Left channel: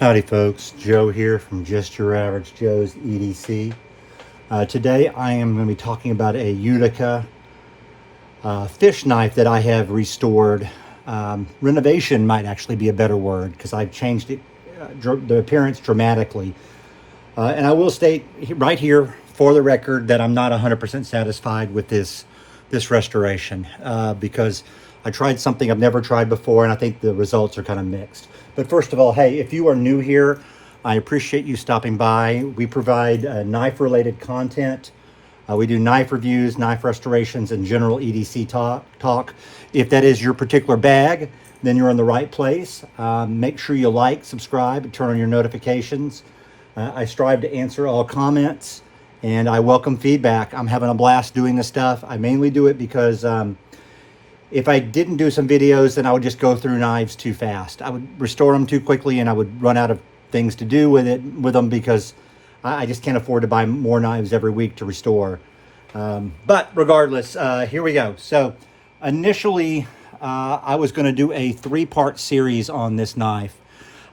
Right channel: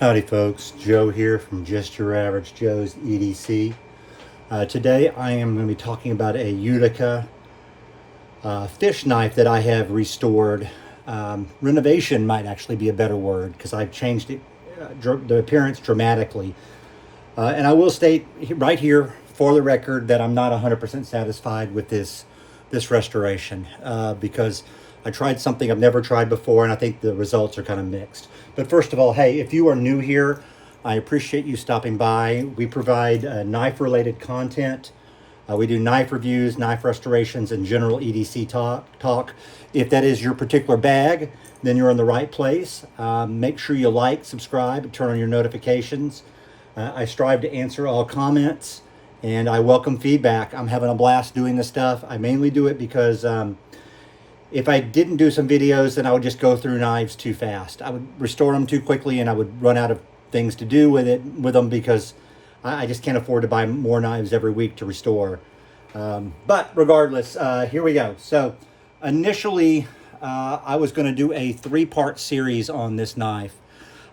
Howdy folks, Joe here from Just Your Average Joe's EDC. Today I am going to be talking about a Utica fish knife that I have restored. Renovation might actually be a better word because I've changed it, the appearance dramatically. And I will state right here for the record that I'm not 100% satisfied with this restoration because I tried something I've never tried before, and I think the results are kind of mixed. But first of all, hey, if you are new here, I appreciate you stopping by. We provide knife-related content. We do knife reviews, knife restorations, and general EDC talk. If that is your particular bag, then you're in the right place. Make sure you like, subscribe, and turn on your notifications. I strive to answer all comments, and I welcome feedback. I'm having a blast doing this stuff. I mainly do it because if I didn't do some videos, then I would just go through knives too fast. I would restore them too quickly, and I would run out of things to do with them because I just can't afford to buy more knives every week to restore. But regardless, here we go. So initially, I was going to do a 3-part series on this knife.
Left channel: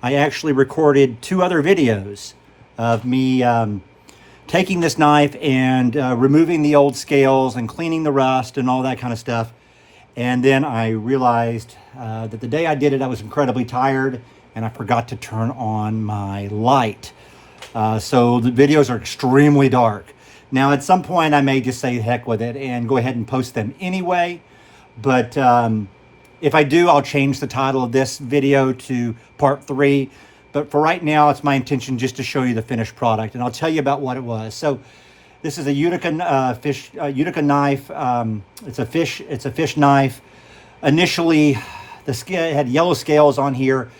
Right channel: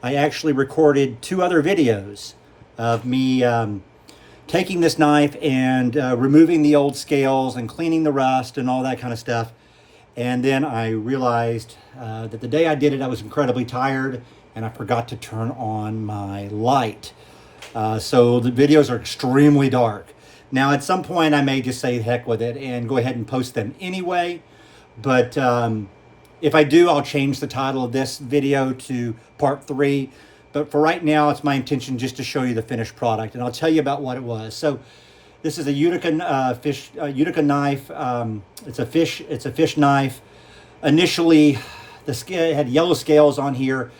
I actually recorded 2 other videos of me taking this knife and removing the old scales and cleaning the rust and all that kind of stuff. And then I realized that the day I did it, I was incredibly tired and I forgot to turn on my light. So the videos are extremely dark. Now, at some point, I may just say heck with it and go ahead and post them anyway. But if I do, I'll change the title of this video to part 3. But for right now, it's my intention just to show you the finished product. And I'll tell you about what it was. So this is a Utica Utica knife. It's a fish knife. Initially, the scale had yellow scales on here,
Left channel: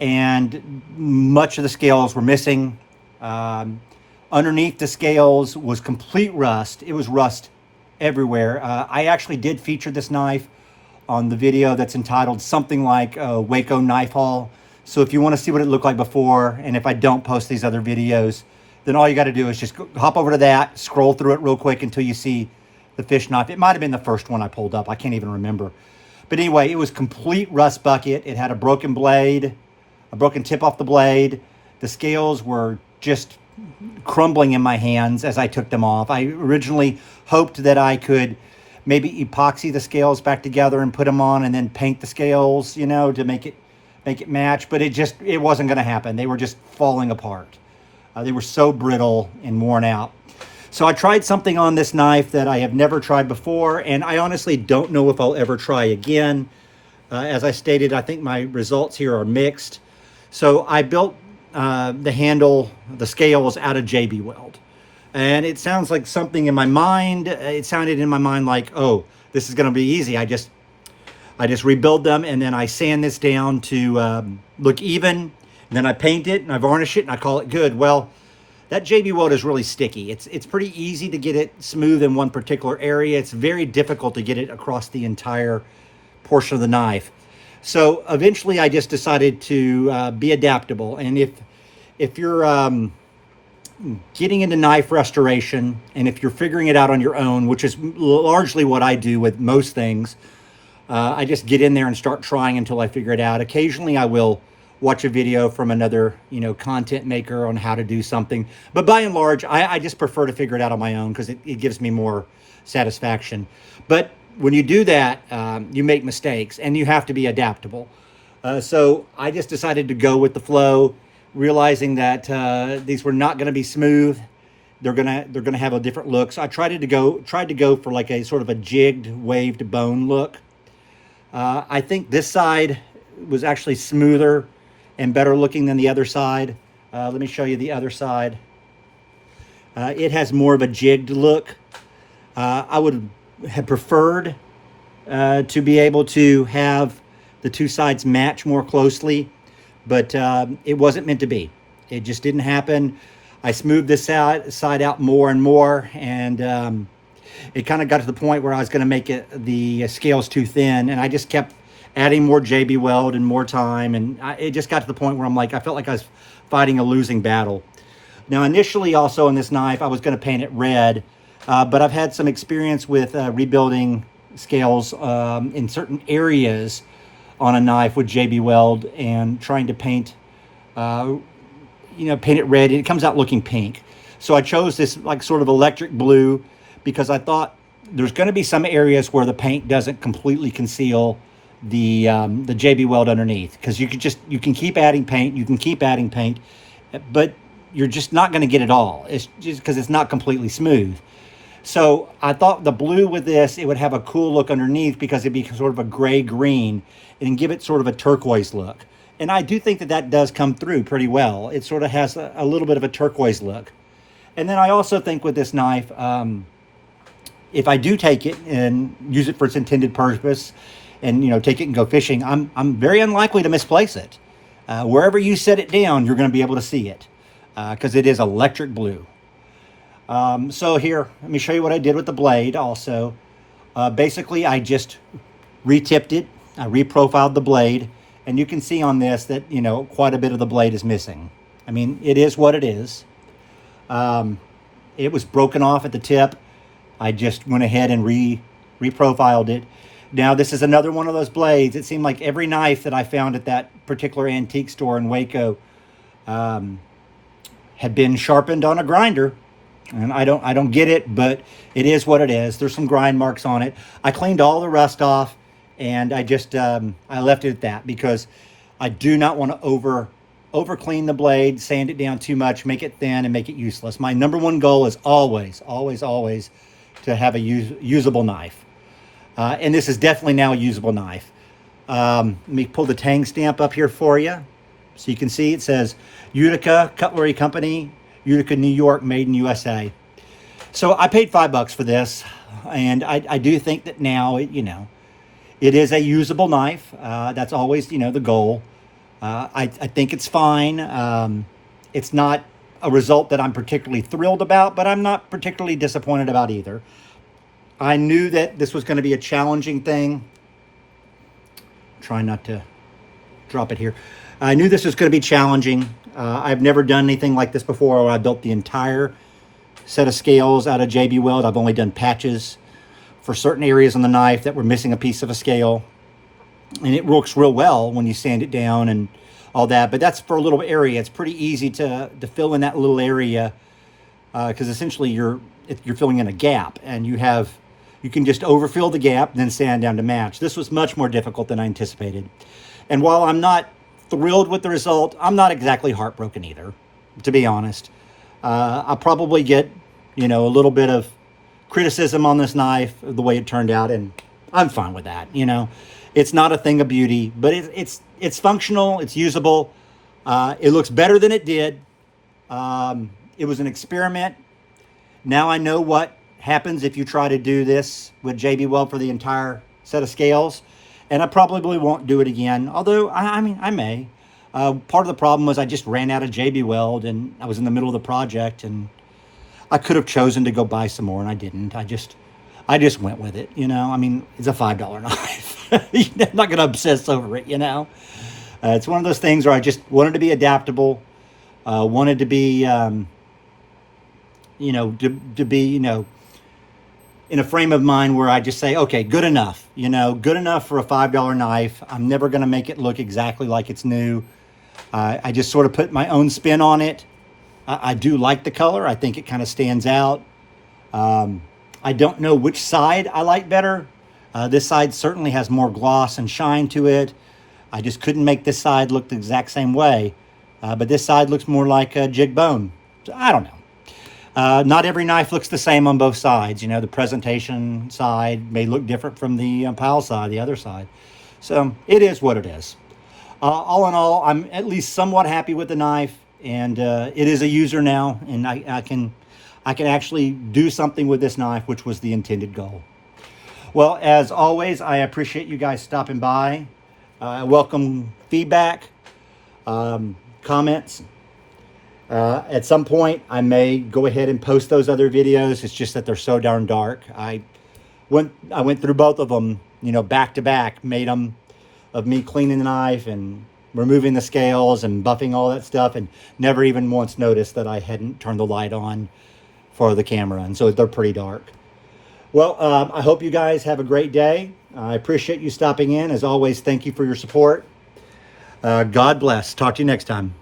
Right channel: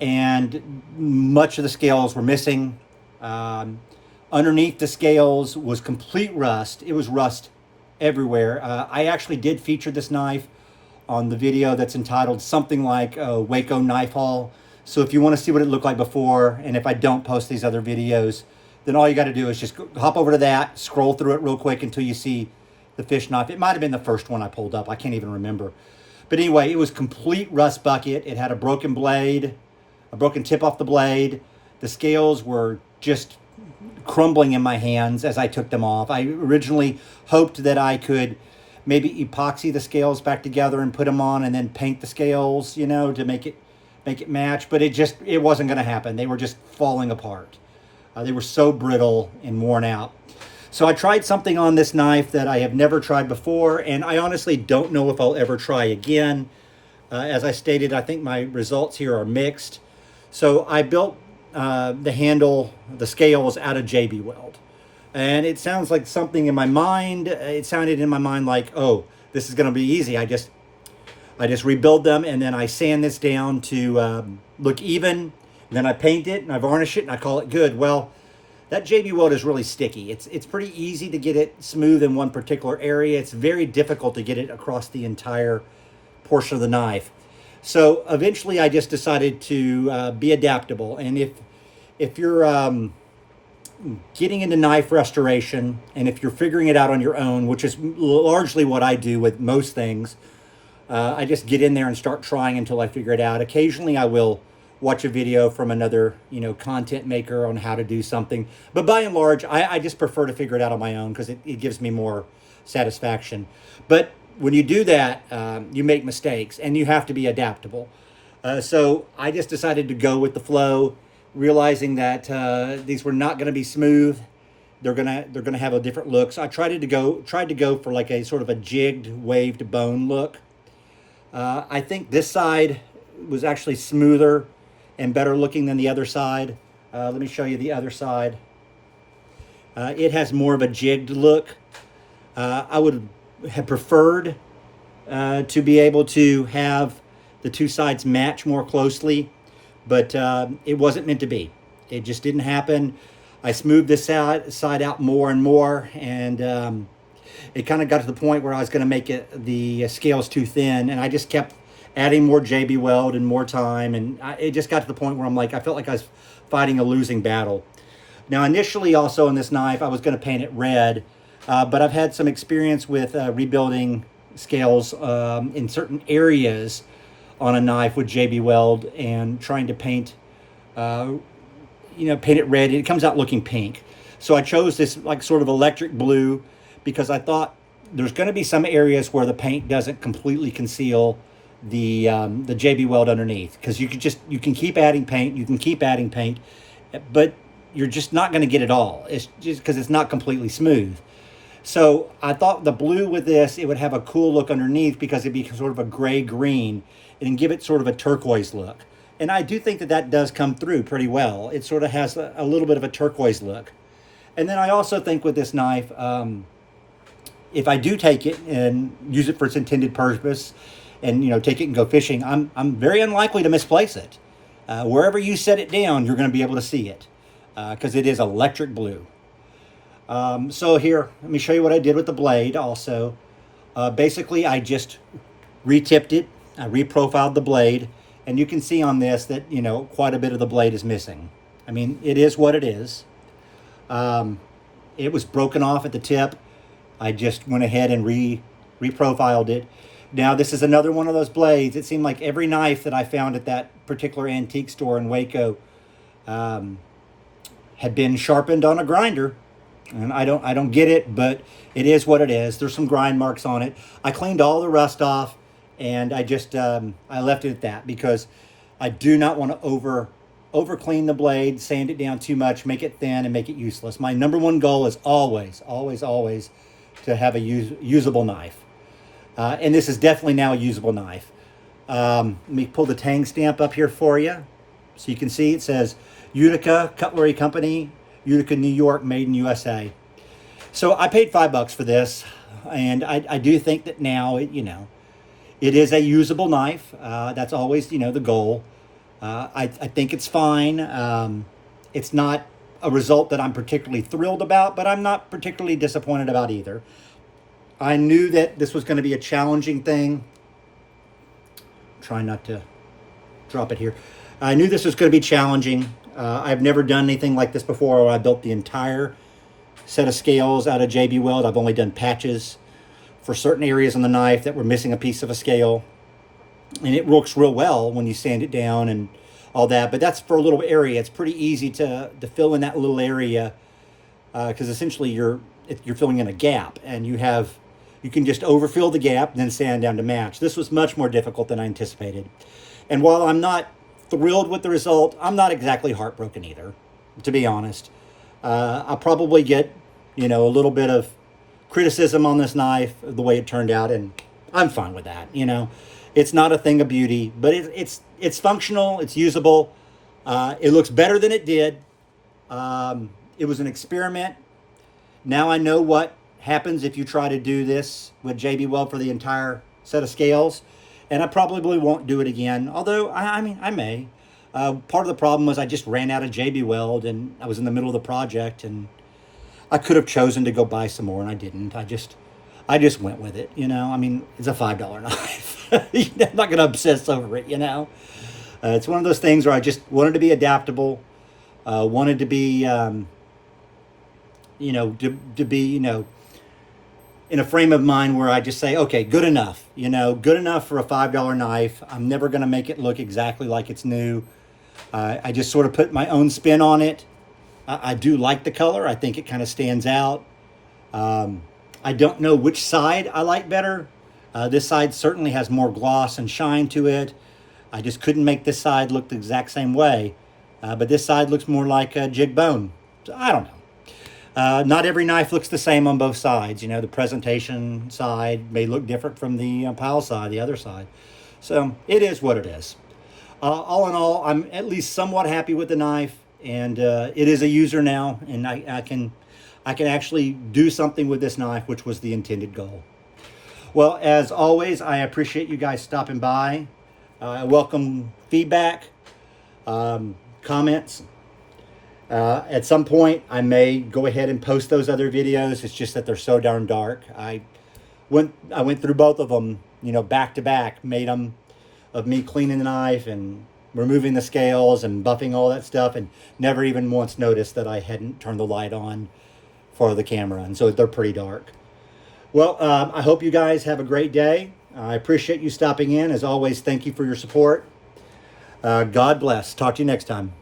and much of the scales were missing. Underneath the scales was complete rust. It was rust everywhere. I actually did feature this knife on the video that's entitled something like Waco Knife Haul. So if you want to see what it looked like before, and if I don't post these other videos, then all you got to do is just hop over to that, scroll through it real quick until you see the fish knife. It might have been the first one I pulled up. I can't even remember. But anyway, it was complete rust bucket. It had a broken blade, a broken tip off the blade. The scales were just crumbling in my hands as I took them off. I originally hoped that I could maybe epoxy the scales back together and put them on and then paint the scales, you know, to make it match. But it wasn't going to happen. They were just falling apart. They were so brittle and worn out. So I tried something on this knife that I have never tried before, and I honestly don't know if I'll ever try again. As I stated, I think my results here are mixed. So I built the handle, the scales out of JB Weld. And it sounds like something in my mind. It sounded in my mind like, oh, this is going to be easy. I just rebuild them, and then I sand this down to look even. And then I paint it and I varnish it and I call it good. Well, that JB Weld is really sticky. It's pretty easy to get it smooth in one particular area. It's very difficult to get it across the entire portion of the knife. So eventually I just decided to be adaptable. And if you're getting into knife restoration, and if you're figuring it out on your own, which is largely what I do with most things, I just get in there and start trying until I figure it out. Occasionally I will watch a video from another, content maker on how to do something. But by and large, I just prefer to figure it out on my own because it gives me more satisfaction. But when you do that, you make mistakes and you have to be adaptable. So I just decided to go with the flow, realizing that these were not going to be smooth. They're gonna have a different look. So I tried to go for like a sort of a jigged, waved bone look. I think this side was actually smoother and better looking than the other side. Let me show you the other side. It has more of a jigged look. I would have preferred to be able to have the 2 sides match more closely, but it wasn't meant to be. It just didn't happen. I smoothed this side out more and more, and it kind of got to the point where I was going to make the scales too thin, and I just kept adding more JB Weld and more time, and it just got to the point where I felt like I was fighting a losing battle. Now, initially also on this knife, I was going to paint it red, but I've had some experience with rebuilding scales in certain areas on a knife with JB Weld and trying to paint paint it red, and it comes out looking pink. So I chose this like sort of electric blue because I thought there's going to be some areas where the paint doesn't completely conceal the JB Weld underneath, because you can keep adding paint, but you're just not going to get it all. It's just because it's not completely smooth. So I thought the blue with this, it would have a cool look underneath because it'd be sort of a gray green and give it sort of a turquoise look. And I do think that that does come through pretty well. It sort of has a little bit of a turquoise look. And then I also think with this knife, if I do take it and use it for its intended purpose, and take it and go fishing, I'm very unlikely to misplace it. Wherever you set it down, you're going to be able to see it because it is electric blue. So here, let me show you what I did with the blade also. Basically, I just re-tipped it. I reprofiled the blade, and you can see on this that, quite a bit of the blade is missing. I mean, it is what it is. It was broken off at the tip. I just went ahead and reprofiled it. Now, this is another one of those blades. It seemed like every knife that I found at that particular antique store in Waco had been sharpened on a grinder. And I don't get it, but it is what it is. There's some grind marks on it. I cleaned all the rust off, and I just I left it at that because I do not want to over clean the blade, sand it down too much, make it thin, and make it useless. My number one goal is always to have a usable knife. And this is definitely now a usable knife. Let me pull the tang stamp up here for you. So you can see it says Utica Cutlery Company, Utica, New York, made in USA. So I paid $5 for this. And I do think that now, it is a usable knife. That's always, the goal. I think it's fine. It's not a result that I'm particularly thrilled about, but I'm not particularly disappointed about either. I knew that this was going to be a challenging thing. Try not to drop it here. I knew this was going to be challenging. I've never done anything like this before where I built the entire set of scales out of JB Weld. I've only done patches for certain areas on the knife that were missing a piece of a scale. And it works real well when you sand it down and all that. But that's for a little area. It's pretty easy to fill in that little area because essentially you're filling in a gap, and you can just overfill the gap and then sand down to match. This was much more difficult than I anticipated. And while I'm not thrilled with the result, I'm not exactly heartbroken either, to be honest. I'll probably get, a little bit of criticism on this knife, the way it turned out, and I'm fine with that. It's not a thing of beauty, but it's functional, it's usable. It looks better than it did. It was an experiment. Now I know what happens if you try to do this with JB Weld for the entire set of scales, and I probably won't do it again, although I may. Part of the problem was I just ran out of JB Weld, and I was in the middle of the project, and I could have chosen to go buy some more, and I didn't. I just went with it. It's a $5 knife. I'm not going to obsess over it. It's one of those things where I just wanted to be adaptable, wanted to be to be in a frame of mind where I just say, okay, good enough, good enough for a $5 knife. I'm never going to make it look exactly like it's new. I just sort of put my own spin on it. I do like the color. I think it kind of stands out. I don't know which side I like better. This side certainly has more gloss and shine to it. I just couldn't make this side look the exact same way. But this side looks more like a jig bone. So I don't know. Not every knife looks the same on both sides. The presentation side may look different from the pile side, the other side. So it is what it is. All in all, I'm at least somewhat happy with the knife, and it is a user now, and I can actually do something with this knife, which was the intended goal. Well, as always, I appreciate you guys stopping by. Welcome feedback, comments. At some point, I may go ahead and post those other videos. It's just that they're so darn dark. I went through both of them, back to back, made them of me cleaning the knife and removing the scales and buffing all that stuff, and never even once noticed that I hadn't turned the light on for the camera, and so they're pretty dark. Well, I hope you guys have a great day. I appreciate you stopping in. As always, thank you for your support. God bless. Talk to you next time.